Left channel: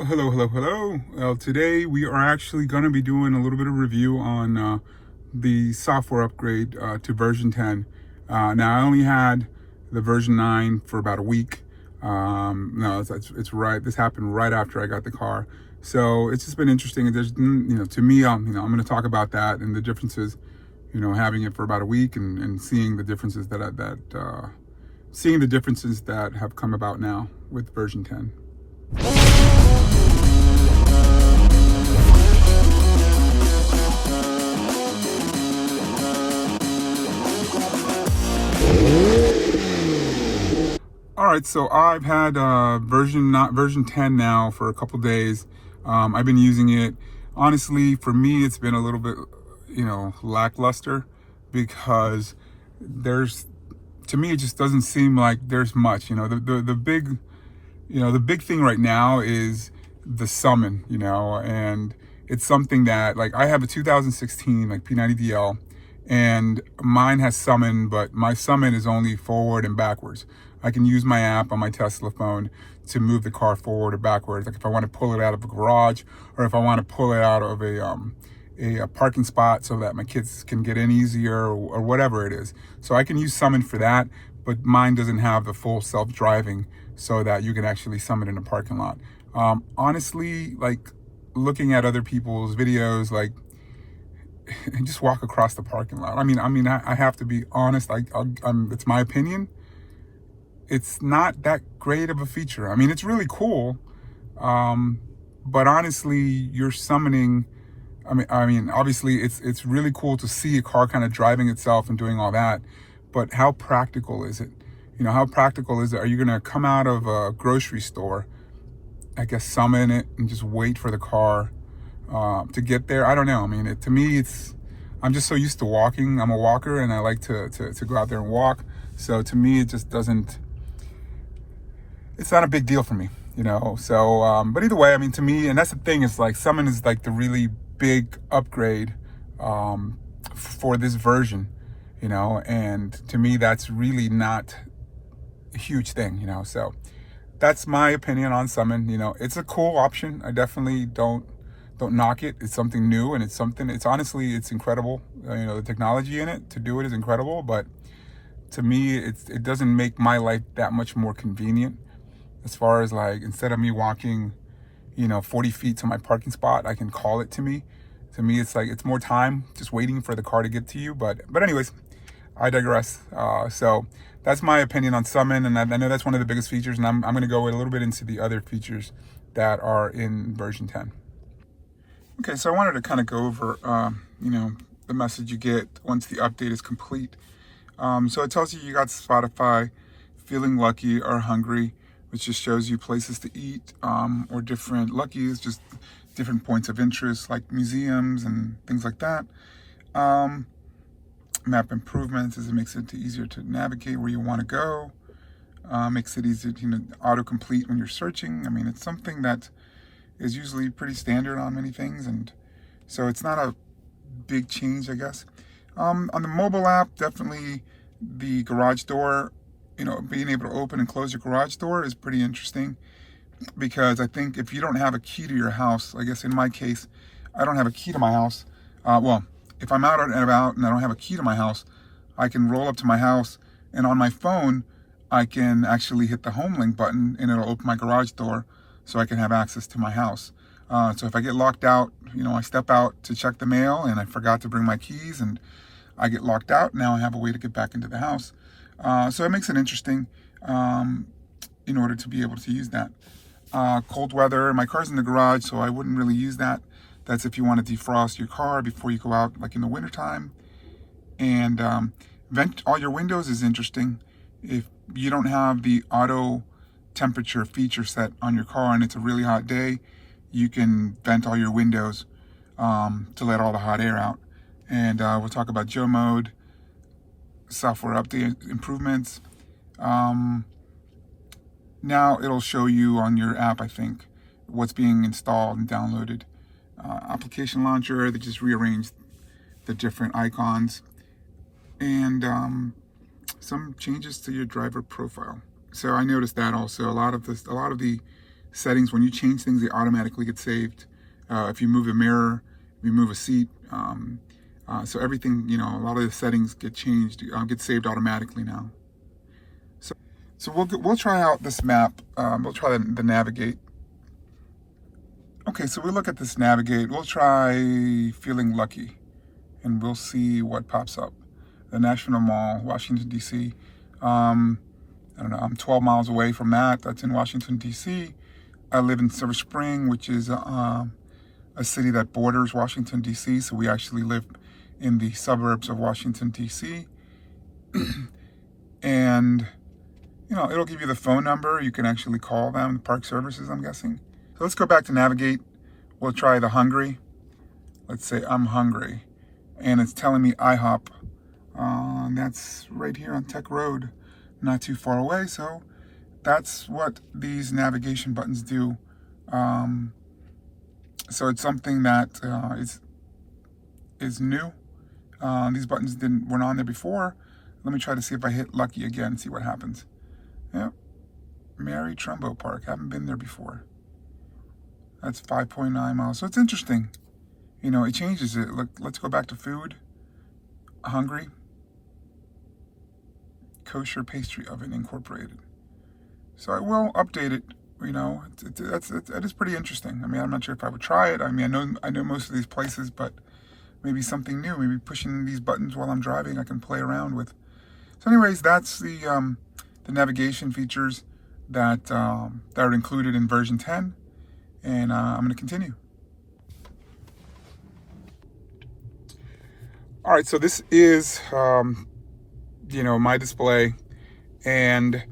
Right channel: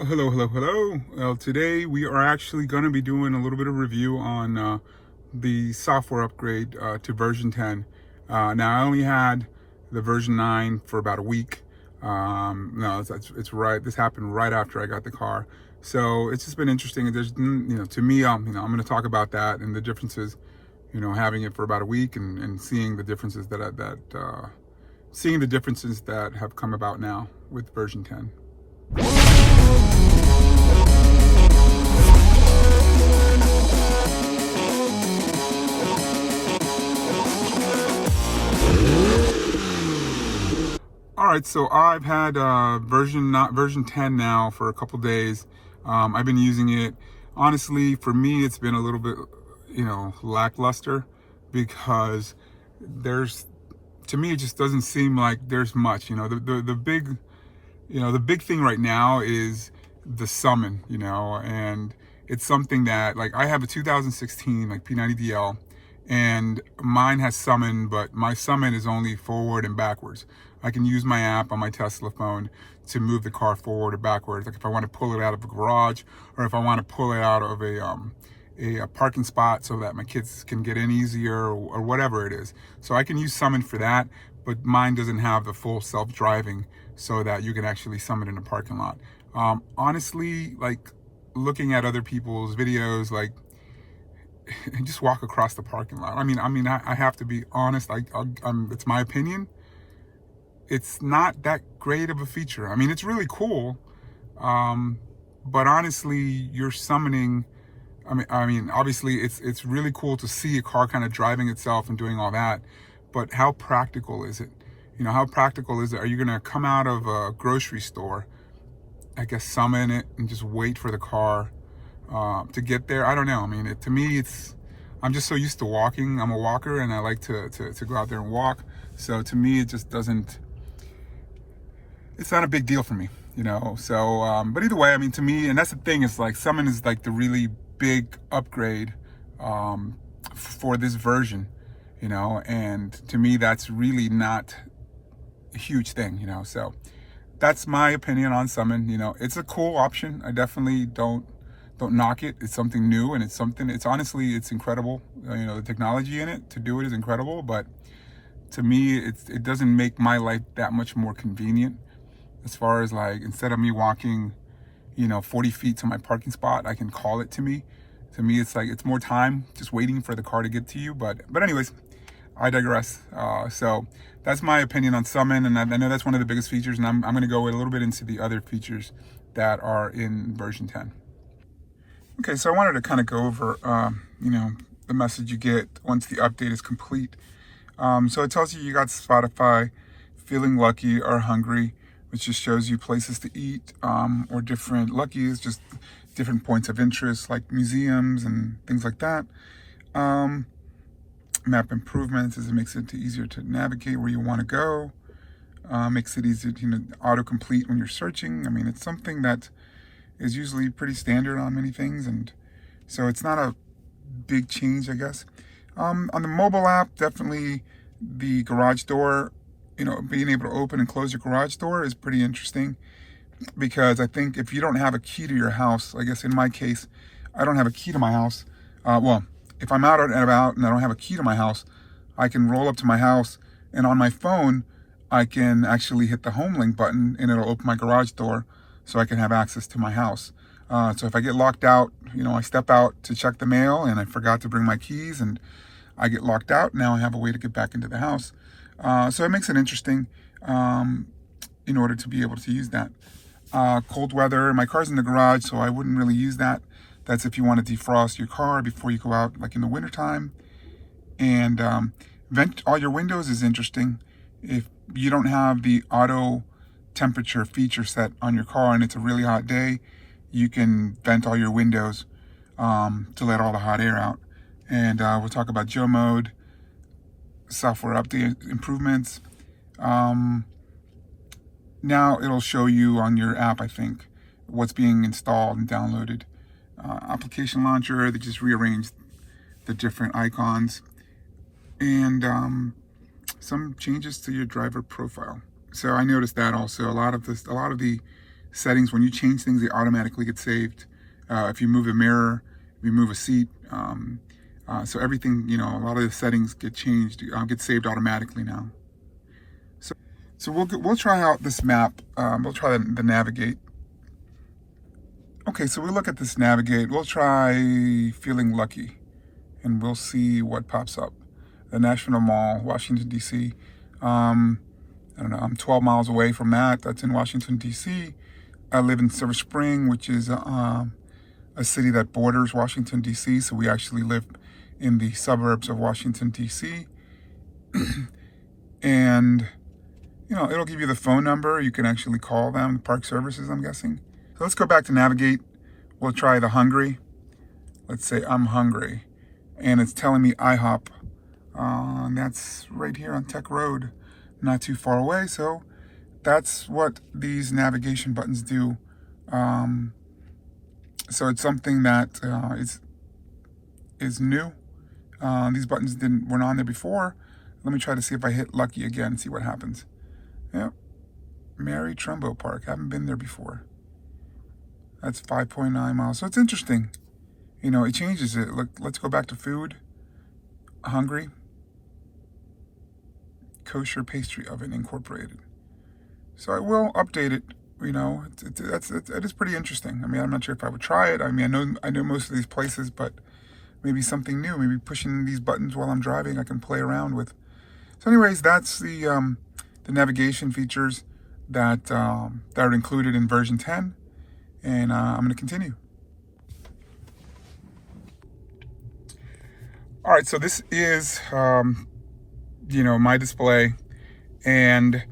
Well, hello. Well, today we are actually going to be doing a little bit of review on the software upgrade to version 10. Now, I only had the version 9 for about a week. No, it's right. This happened right after I got the car. So it's just been interesting. There's, to me, I'm going to talk about that and the differences, having it for about a week and seeing the differences seeing the differences that have come about now with version 10. All right, so I've had version 10 now for a couple days. I've been using it. Honestly, for me, it's been a little bit, lackluster because to me, it just doesn't seem like there's much. The big thing right now is the summon. And it's something that, like, I have a 2016 like P90DL, and mine has summon, but my summon is only forward and backwards. I can use my app on my Tesla phone to move the car forward or backwards. Like if I want to pull it out of a garage, or if I want to pull it out of a parking spot so that my kids can get in easier, or whatever it is. So I can use summon for that, but mine doesn't have the full self-driving so that you can actually summon in a parking lot. Honestly, like looking at other people's videos, like just walk across the parking lot. I have to be honest. It's my opinion. It's not that great of a feature. I mean, it's really cool, but honestly, you're summoning. Obviously, it's really cool to see a car kind of driving itself and doing all that, but how practical is it? How practical is it? Are you gonna come out of a grocery store, I guess, summon it and just wait for the car to get there? I don't know. I mean, to me, I'm just so used to walking. I'm a walker, and I like to go out there and walk. So to me, it just doesn't. It's not a big deal for me, So, but either way, I mean, to me, and that's the thing. It's like summon is like the really big upgrade for this version, And to me, that's really not a huge thing, So that's my opinion on summon. It's a cool option. I definitely don't knock it. It's something new, and it's honestly, it's incredible. The technology in it to do it is incredible, but to me, it doesn't make my life that much more convenient. As far as, like, instead of me walking, 40 feet to my parking spot, I can call it to me. To me, it's like, it's more time just waiting for the car to get to you. But anyways, I digress. So that's my opinion on summon. And I know that's one of the biggest features. And I'm going to go a little bit into the other features that are in version 10. Okay, so I wanted to kind of go over, the message you get once the update is complete. So it tells you got Spotify, feeling lucky or hungry, which just shows you places to eat, or different luckies, just different points of interest like museums and things like that. Map improvements, as it makes it easier to navigate where you want to go. Makes it easier to autocomplete when you're searching. I mean, it's something that is usually pretty standard on many things, and so it's not a big change, I guess. On the mobile app, definitely the garage door, being able to open and close your garage door is pretty interesting, because I think if you don't have a key to your house, I guess in my case, I don't have a key to my house. Well, if I'm out and about and I don't have a key to my house, I can roll up to my house, and on my phone, I can actually hit the home link button, and it'll open my garage door so I can have access to my house. So if I get locked out, I step out to check the mail and I forgot to bring my keys and I get locked out. Now I have a way to get back into the house. So it makes it interesting in order to be able to use that. Cold weather, my car's in the garage, so I wouldn't really use that. That's if you want to defrost your car before you go out, like in the wintertime. And vent all your windows is interesting. If you don't have the auto temperature feature set on your car and it's a really hot day, you can vent all your windows to let all the hot air out. And we'll talk about Joe mode, software update improvements. Now it'll show you on your app, I think, what's being installed and downloaded. Application launcher, they just rearranged the different icons, and some changes to your driver profile. So I noticed that also a lot of the settings, when you change things, they automatically get saved. If you move a mirror, if you move a seat, so everything, you know, a lot of the settings get changed, get saved automatically now. So we'll try out this map. We'll try the navigate. Okay, so we look at this navigate. We'll try feeling lucky, and we'll see what pops up. The National Mall, Washington, D.C. I don't know, I'm 12 miles away from that. That's in Washington, D.C. I live in Silver Spring, which is a city that borders Washington, D.C. So we actually live in the suburbs of Washington, D.C. And, you know, it'll give you the phone number. You can actually call them, park services, I'm guessing. So let's go back to navigate. We'll try the hungry. Let's say I'm hungry. And it's telling me IHOP. And that's right here on Tech Road, not too far away. So that's what these navigation buttons do. So it's something that is new. These buttons weren't on there before. Let me try to see if I hit lucky again, see what happens. Yep, Mary Trumbo Park. Haven't been there before. That's 5.9 miles. So it's interesting. You know, it changes it. Look, let's go back to food. Hungry. Kosher Pastry Oven Incorporated. So I will update it. You know, it is pretty interesting. I mean, I'm not sure if I would try it. I mean, I know most of these places, but maybe something new. Maybe pushing these buttons while I'm driving, I can play around with. So, anyways, that's the navigation features that are included in version 10, and I'm going to continue. All right, so this is you know, my display, and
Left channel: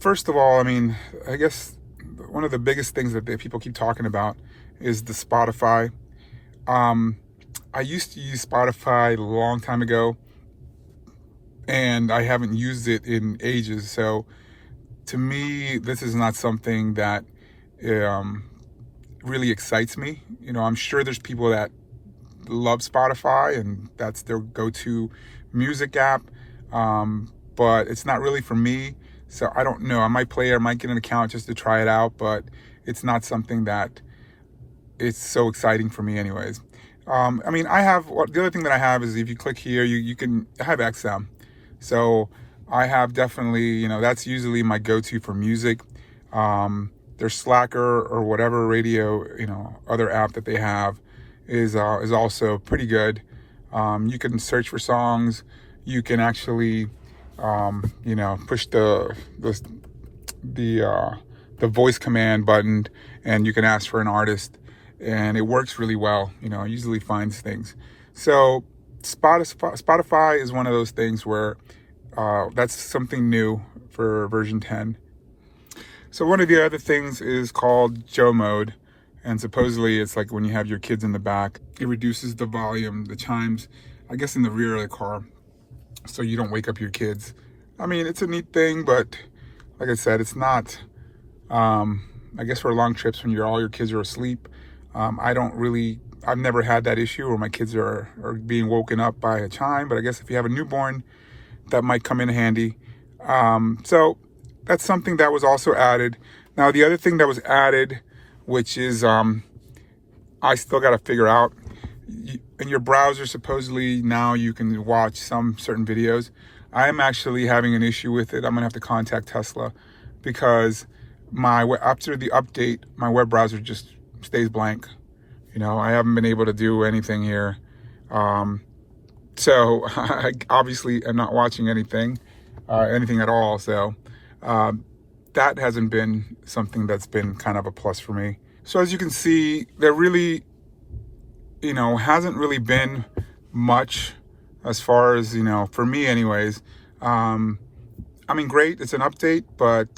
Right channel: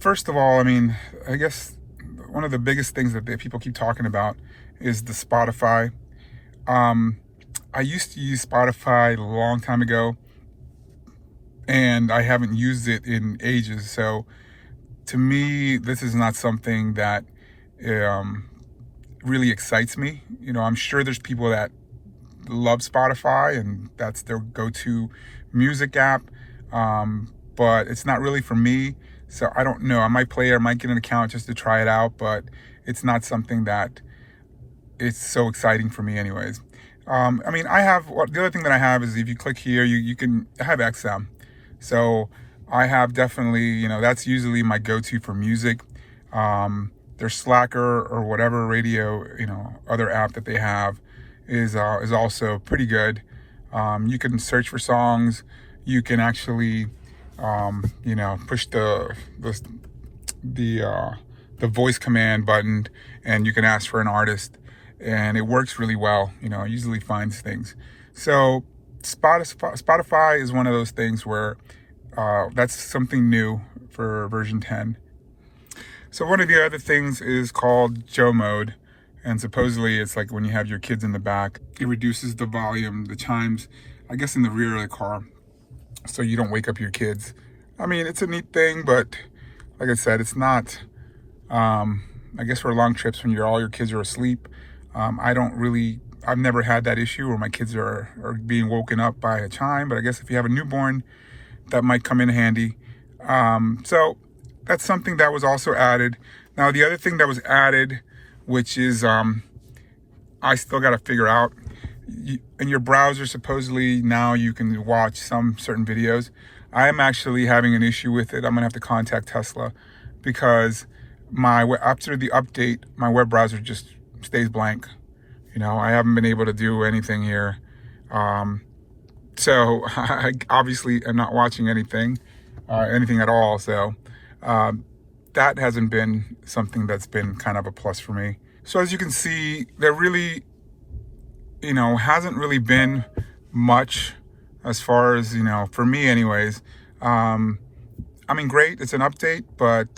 first of all, I mean, I guess one of the biggest things that people keep talking about is the Spotify. I used to use Spotify a long time ago, and I haven't used it in ages. So to me, this is not something that really excites me. You know, I'm sure there's people that love Spotify and that's their go-to music app, but it's not really for me. So I don't know. I might play it. I might get an account just to try it out, but it's not something that is so exciting for me anyways. I mean, the other thing that I have is if you click here, you can have XM. So I have definitely, you know, that's usually my go-to for music. Their Slacker or whatever radio, you know, other app that they have is also pretty good. You can search for songs. You can actually, you know, push the voice command button, and you can ask for an artist, and it works really well. You know, it usually finds things. So Spotify is one of those things where that's something new for version 10. So one of the other things is called Joe Mode, and supposedly it's like when you have your kids in the back, it reduces the volume, the chimes, I guess in the rear of the car, so you don't wake up your kids. I mean, it's a neat thing, but like I said, it's not, I guess for long trips when all your kids are asleep, I've never had that issue where my kids are being woken up by a chime, but I guess if you have a newborn, that might come in handy. So that's something that was also added. Now, the other thing that was added, which is I still got to figure out, in your browser, supposedly now you can watch some certain videos. I am actually having an issue with it. I'm gonna have to contact Tesla because after the update, my web browser just stays blank. You know, I haven't been able to do anything here. So I obviously am not watching anything at all. So that hasn't been something that's been kind of a plus for me. So as you can see, there really, you know, hasn't really been much as far as, you know, for me anyways. I mean, great, it's an update, but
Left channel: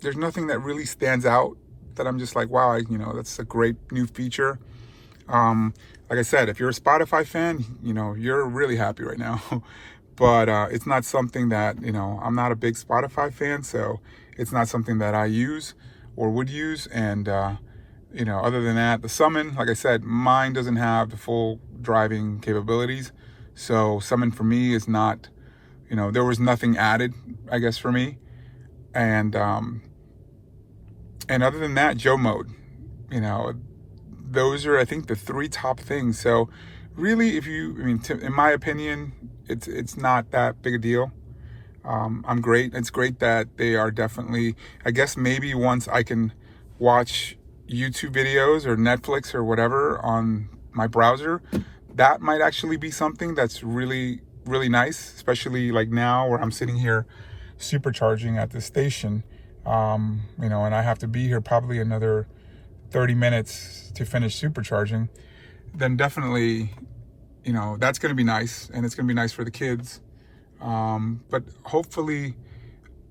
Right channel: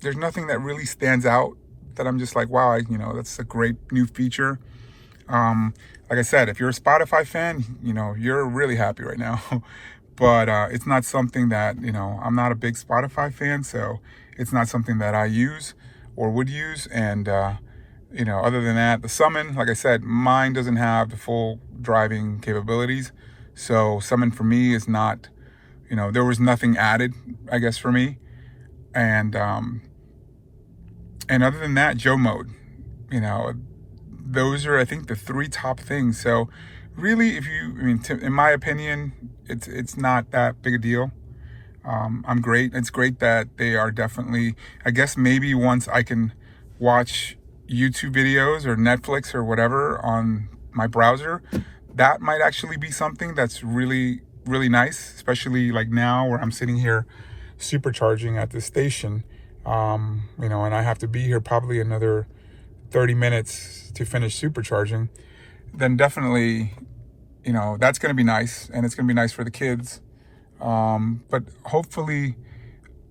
there's nothing that really stands out that I'm just like, wow, you know, that's a great new feature. Like I said, if you're a Spotify fan, you know, you're really happy right now. But it's not something that, you know, I'm not a big Spotify fan, so it's not something that I use or would use. And, you know, other than that, the Summon, like I said, mine doesn't have the full driving capabilities. So Summon for me is not, you know, there was nothing added, I guess, for me. And And other than that, Joe mode, you know, those are, I think, the 3 top things. So really, in my opinion, it's not that big a deal. I'm great. It's great that they are definitely, I guess maybe once I can watch YouTube videos or Netflix or whatever on my browser, that might actually be something that's really, really nice, especially like now where I'm sitting here supercharging at the station, you know, and I have to be here probably another 30 minutes to finish supercharging. Then definitely, you know, that's going to be nice, and it's going to be nice for the kids. But hopefully,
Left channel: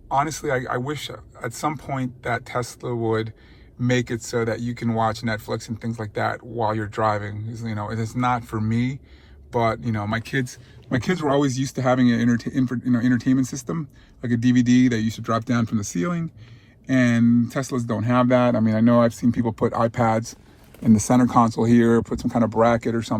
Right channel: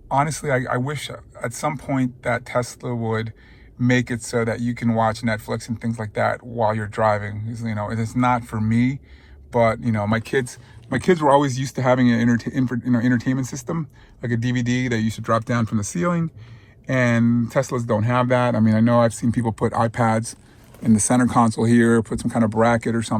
honestly, I wish at some point that Tesla would make it so that you can watch Netflix and things like that while you're driving. You know, it is not for me, but you know, my kids were always used to having an entertainment system, like a DVD that used to drop down from the ceiling, and Teslas don't have that. I mean, I know I've seen people put iPads in the center console here, put some kind of bracket or something.